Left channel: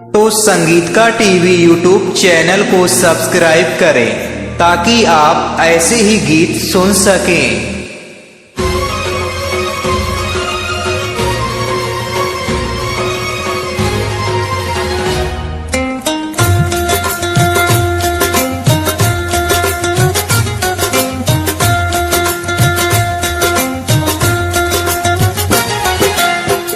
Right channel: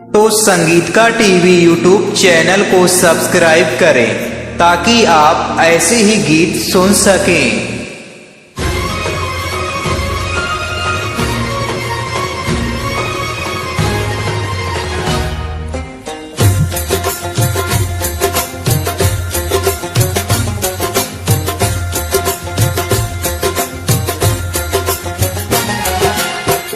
तो संगीत का टीवी यूट्यूब चैनल को सब्सक्राइब करें ताकि आप ऐसे ही गीत सुन सकें।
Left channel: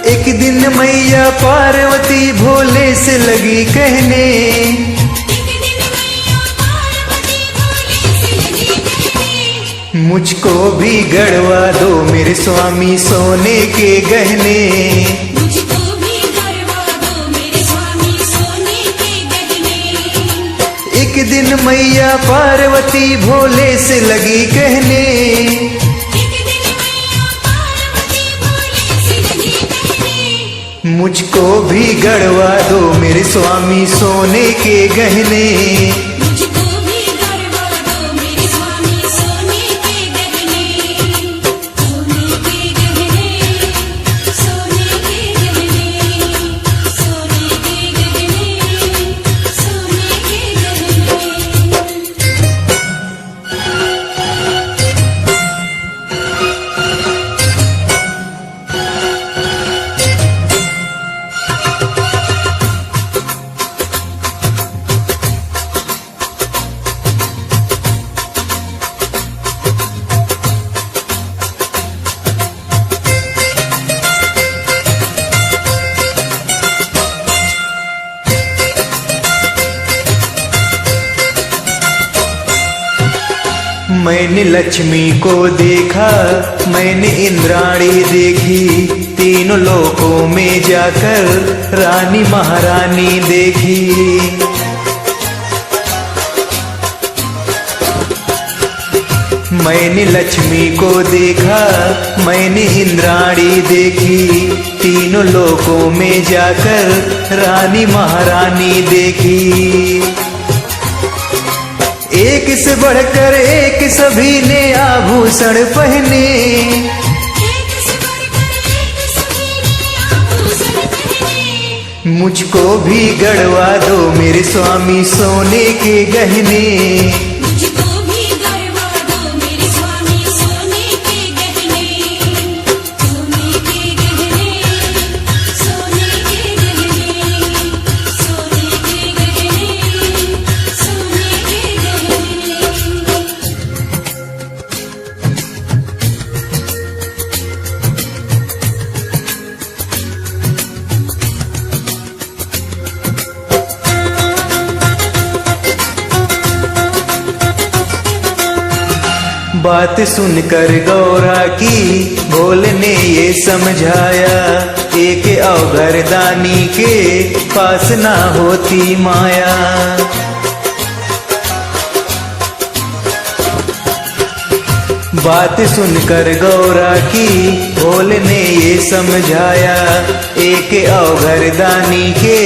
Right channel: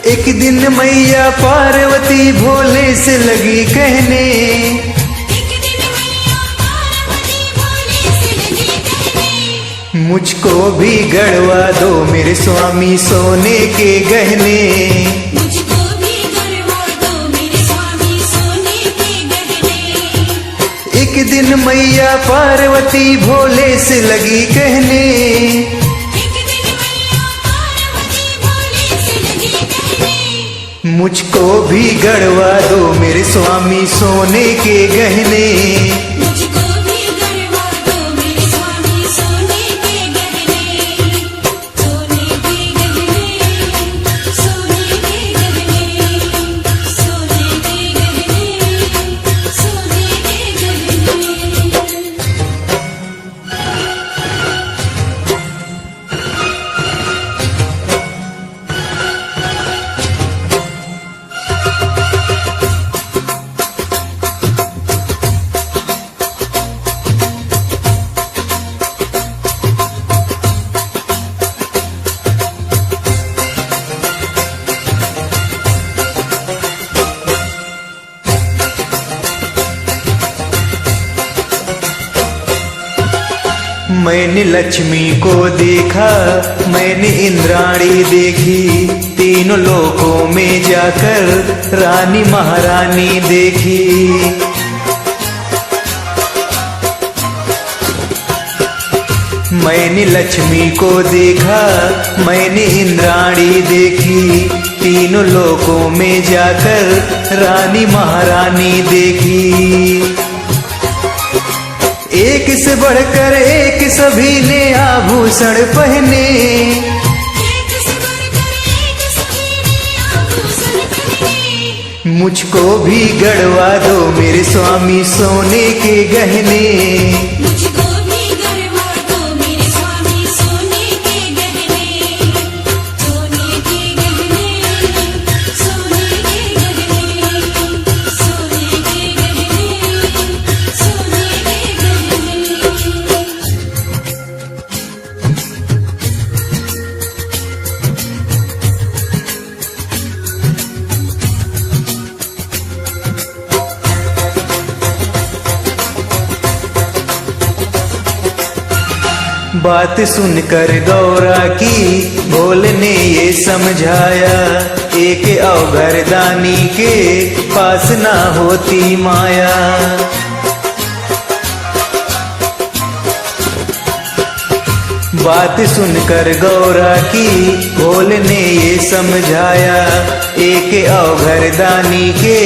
एक दिन मैया पार्वती भोले से लगी कहने, मुझको भी गढ़वा दो मेरे स्वामी सोने के गहने। एक दिन मैया पार्वती भोले से लगी कहने, मुझको भी गढ़वा दो मेरे स्वामी सोने के गहने। मुझको भी गढ़वा दो मेरे स्वामी सोने के गहने, सोने के गहने, सोने के गहने, सोने के गहने, सोने के गहने। मैंने लक्ष्मी को देखा, मैंने इंद्राणी देखी, तीनों लोकों में जाकर रानी महारानी देखी। मैंने लक्ष्मी को देखा, मैंने इंद्राणी देखी, तीनों लोकों में जाकर रानी महारानी देखी। एक से बढ़कर एक सभी ने आभूषण पहने, एक से बढ़कर एक सभी ने आभूषण पहने। मुझको भी गढ़वा दो मेरे स्वामी सोने के गहने। मुझको भी गढ़वा दो मेरे स्वामी सोने के गहने, सोने के गहने, सोने के गहने, सोने के गहने, सोने के गहने। बात सुनकर गौरा की भोले ने ये समझाया, एक अवघर दानी के पास ना होती माया। बात सुनकर गौरा की भोले ने ये समझाया, एक अवघर दानी के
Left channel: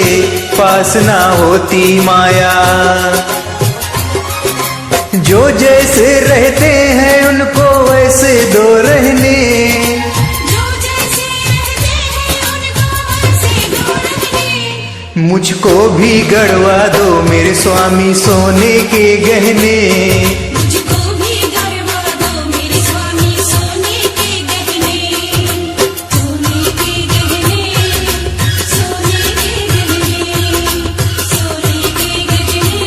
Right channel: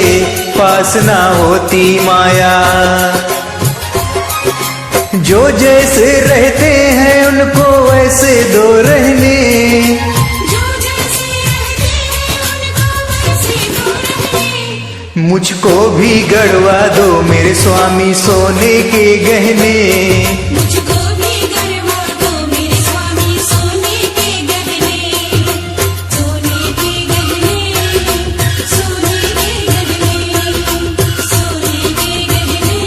पास ना होती माया। जो जैसे रहते हैं उनको वैसे दो रहने, जो जैसे रहते हैं उनको वैसे दो रहने। मुझको भी गढ़वा दो मेरे स्वामी सोने के गहने। मुझको भी गढ़वा दो मेरे स्वामी सोने के गहने, सोने के गहने, सोने के गहने, सोने के गहने,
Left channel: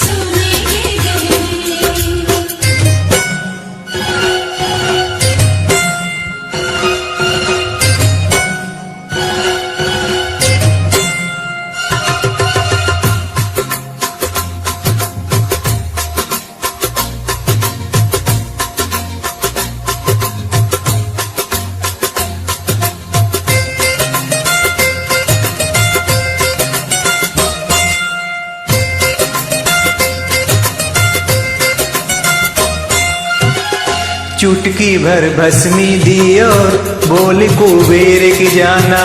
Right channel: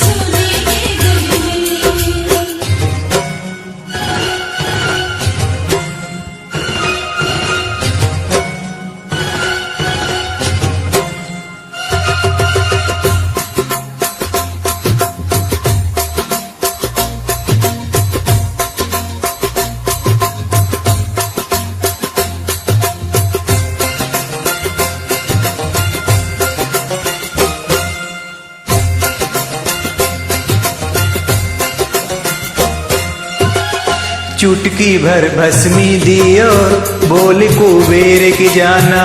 सोने के गहने। चुटकी भर भस्मी दी और बोले कुबेर के जाना,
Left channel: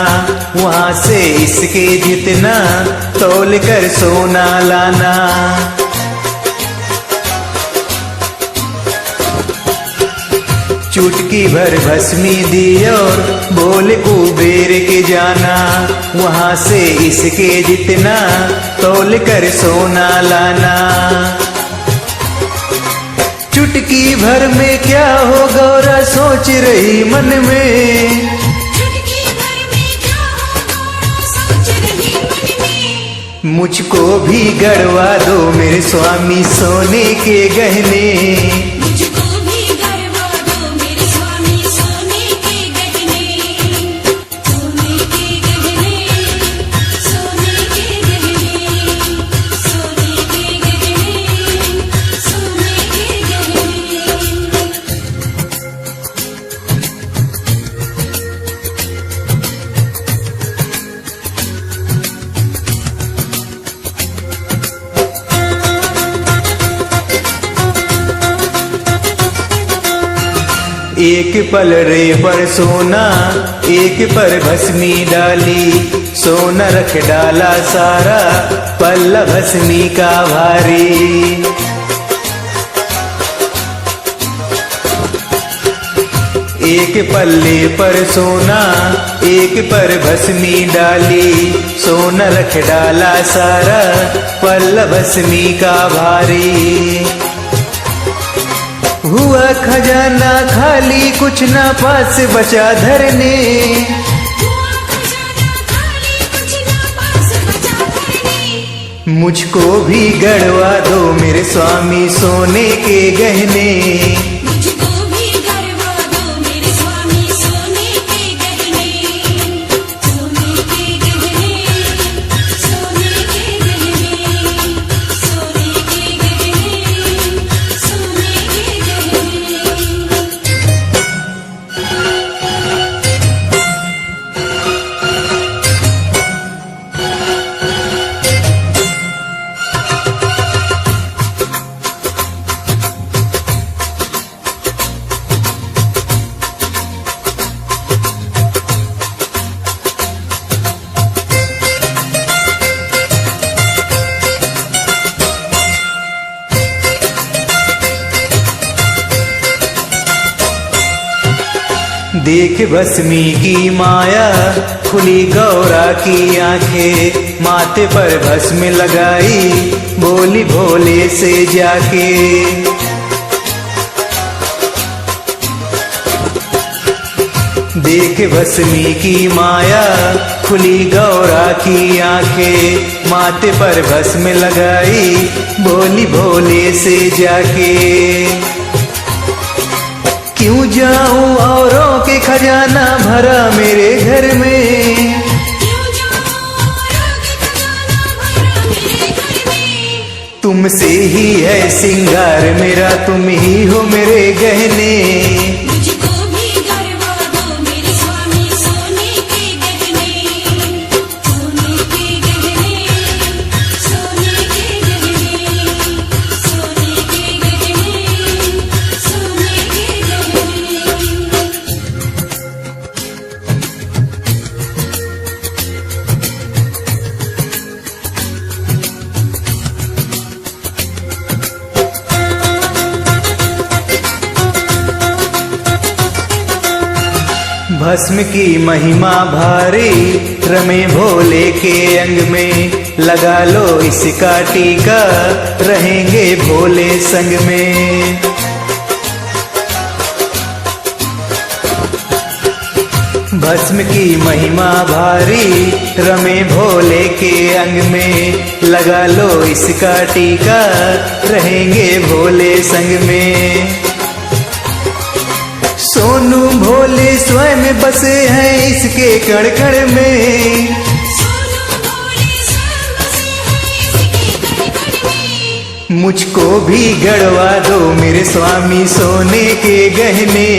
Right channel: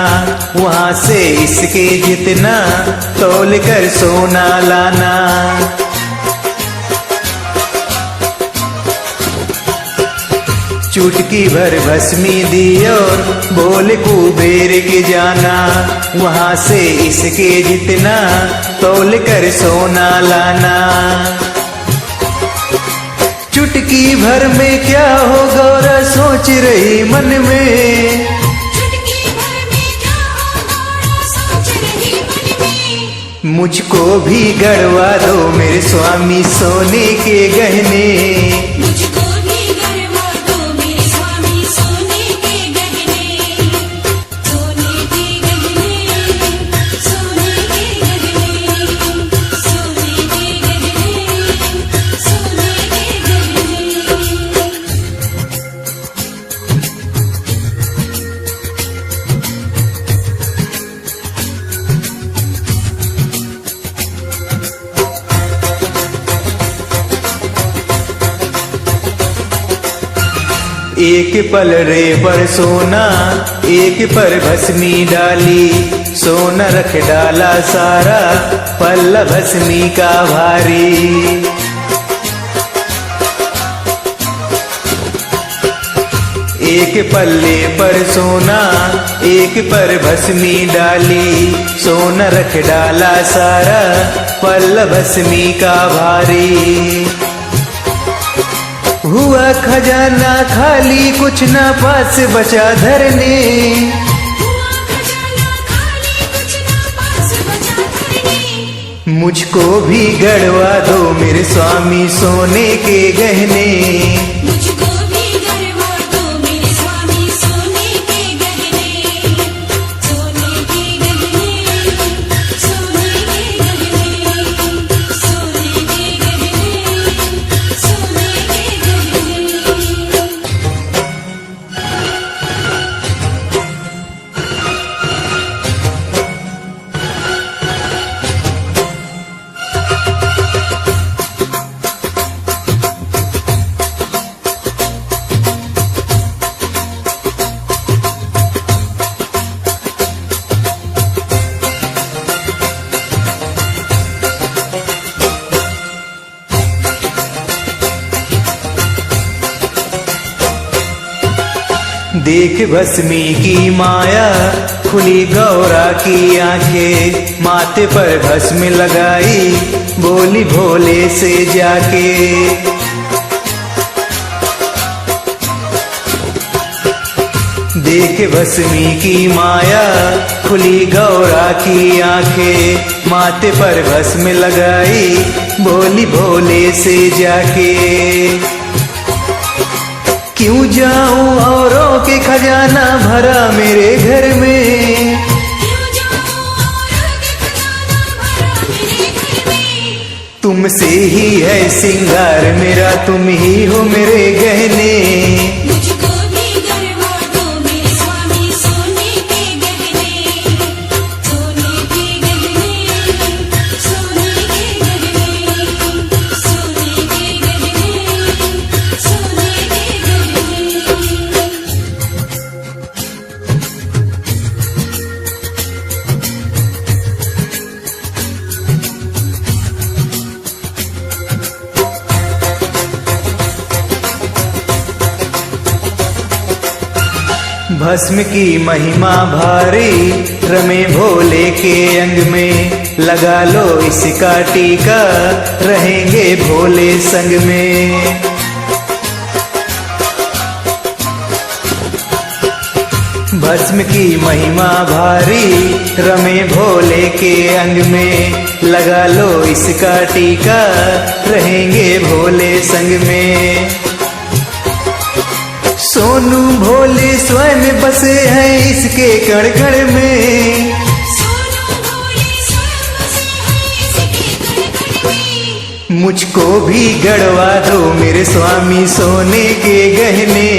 वहां से इसके जितना तौल कर सोना लाना। चुटकी भर भस्मी दी और बोले कुबेर के जाना, वहां से इसके जितना तौल कर सोना लाना। चुटकी भर में क्या हो गौरा सोच रही मन में, चुटकी भर में क्या हो गौरा सोच रही मन में। मुझको भी गढ़वा दो मेरे स्वामी सोने के गहने। मुझको भी गढ़वा दो मेरे स्वामी सोने के गहने। सोने के गहने, सोने के गहने, सोने के गहने, सोने के गहने। एक पल रे पर सोना एक पर भस्मी डाली, सोना रख डाला सारा पल्ला भस्मी का भारी। एक पल्ले पर सोना एक पर भस्मी डाली, सोना रख डाला सारा पल्ला भस्मी का भारी। हुआ खजाना खाली कुछ ना पास बचा धरने, हुआ खजाना खाली कुछ ना पास बचा धरने। मुझको भी गढ़वा दो मेरे स्वामी सोने के गहने। मुझको भी गढ़वा दो मेरे स्वामी सोने के गहने। सोने के गहने, सोने के गहने, सोने के गहने, सोने के गहने। देख भस्मी की माया खुली गौरा की आंखें, माथे पर भस्म लगाई बोली भोले से जाके। देख भस्मी की माया खुली गौरा की आंखें, माथे पर भस्म लगाई बोली भोले से जाके। क्यों जाऊं औरों के खजाना भरा मेरे घर में, क्यों जाऊं औरों के खजाना भरा मेरे घर में। तुमसे ही है सिंगार मेरा, तुम ही हो मेरे गहने। मुझको भी गढ़वा दो मेरे स्वामी सोने के गहने। सोने के गहने, सोने के गहने, सोने के गहने, सोने के गहने। भस्म की महिमा भारी रमे भोले के अंग में, लगा लो इसका टीका रहेंगे भोले संग में। भस्म की महिमा भारी रमे भोले के अंग में, लगा लो इसका टीका रहेंगे भोले संग में। सोनू भोले स्वयं बसे हैं इसके कण कण में, सोनू भोले स्वयं बसे हैं इसके कण कण में। मुझको भी गढ़वा दो मेरे स्वामी सोने के गहने।